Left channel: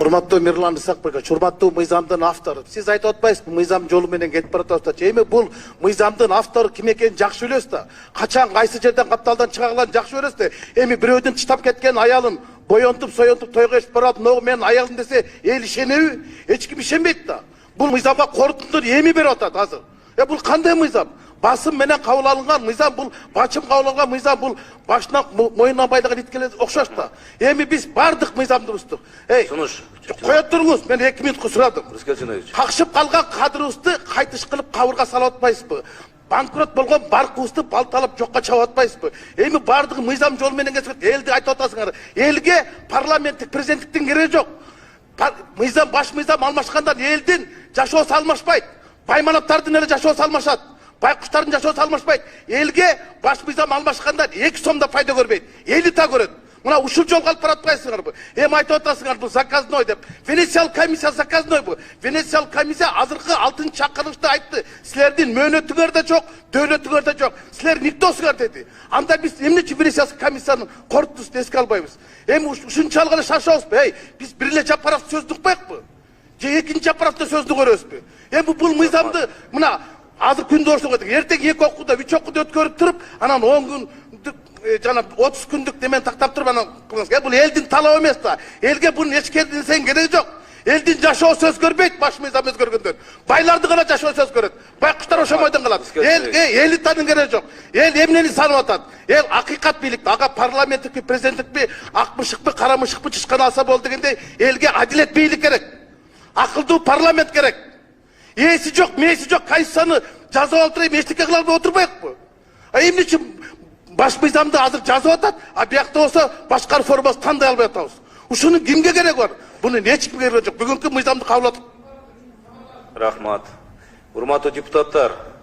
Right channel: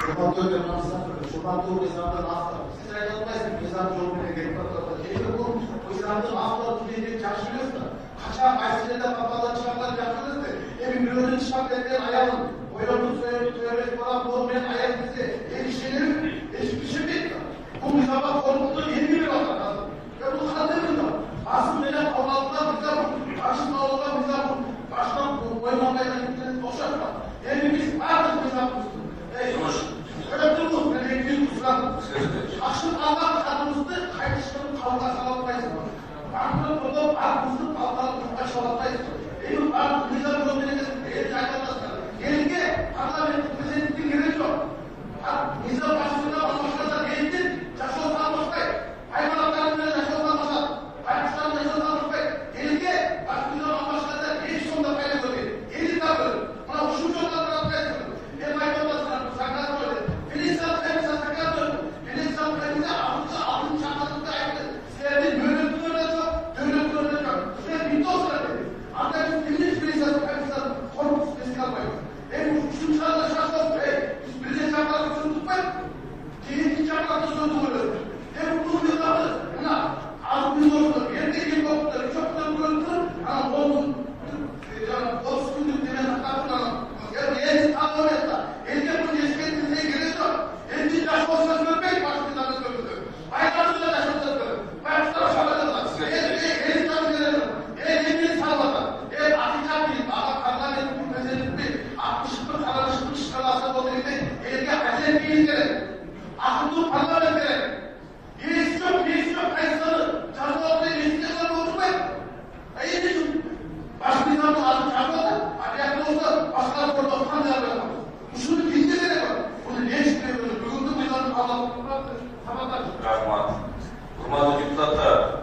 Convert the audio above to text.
Урматтуу Мирлан Исакбекович, урматтуу мыйзамдын автору. Сиз айтып атпайсызбы, мыйзам жолу менен кетип баратат. Эми бул мыйзамдын автору ким экенин жакшы билебиз да. Качан кайсы жерден капталдан чыгарганын жакшы билебиз да. Эми бирөөдүн чытап кеткен аялын боёнтуп, соёнтуп тойго ичип барып, "Мына менин аялым" десе, эл ишенеби? Эч ким ишенбейт да. Бул мыйзамга корутундур эми берип атат азыр. Бул кандай мыйзам? Басым менен кабыл алынган мыйзам, бул бачым кабыл алган мыйзам, бул башынан моюнуна байланган иткелер окшош да. Эми биз бардык мыйзамды буздук. Сунуш. Коя туруңуз, мен 2 минутка сурадым. Какшып калган кадырыбызды кайтыш кылып кабырга салып атпайсызбы? Банкрот болгон банкыбызды балталап жокко чабып атпайсызбы? Эми бардык мыйзам жолу менен элди айтып атасыңар. Элге парламенттик президенттиктин кереги жок. Мыйзам, баш мыйзам алмашкандан элдин жашоосу алмашпайт. Байманаттардын эле жашоосу алмашат. Байкуштардын жашоосу алмашпайт. Элге баш мыйзам алмашкандан 2 сом да пайда көрбөйт. Эли та көрөт. Мына ушул жолго алып баратпайсыңарбы? Эми айтып атасыңар, бул заказной деп. Венециялык комиссия заказной бу. Венециялык комиссия азыркы 6 чакырышта айтты. Силердин мөөнөтүңөр да жок, дөөлөтүңөр да жок. Силер никтосуңар деди. Анда биз эмнечи Венециялык комиссиянын корутуусун эске албайбыз? Эми ушунчалык эле шашабызбы? Биз бир эле жапырак сөздү укпайбызбы? Же экинчи жапыракта сөздү көрөбүзбү? Эми бул мыйзамды мына азыр күндө окуйт. Эртең 2 окууда, 3 окууда өткөрүп туруп, анан 10 күн жана 30 күндүк неме тактап туруп анан бул элдин талабы эмес да. Элге бунун эч кетинсең кереги жок. Элдин жашоосу өзгөрбөйт, баш мыйзам өзгөргөндөн. Байларды гана жашоосу өзгөрөт. Байкуштар ошомойдон калат. Элитанын кереги жок. Эл эмнени санап атат? Эл акыйкат бийлик. Ага парламенттикпи, президенттикпи, ак мышыкпы, кара мышыкпы чычкан алса болду дегенде элге адилет бийлик керек. Акылдуу парламент керек. Эси жок, меси жок, кайсыны жазып отуруп, эчтеке кыла албай отурбайбы? Эмнечи баш мыйзамды азыр жазып атат, а биякта болсо башка реформасы тандай албай атабыз. Ушунун кимге кереги бар? Буну эч кимге кереги жок. Бүгүнкү мыйзамды кабыл алып. Рахмат. Урматтуу депутаттар,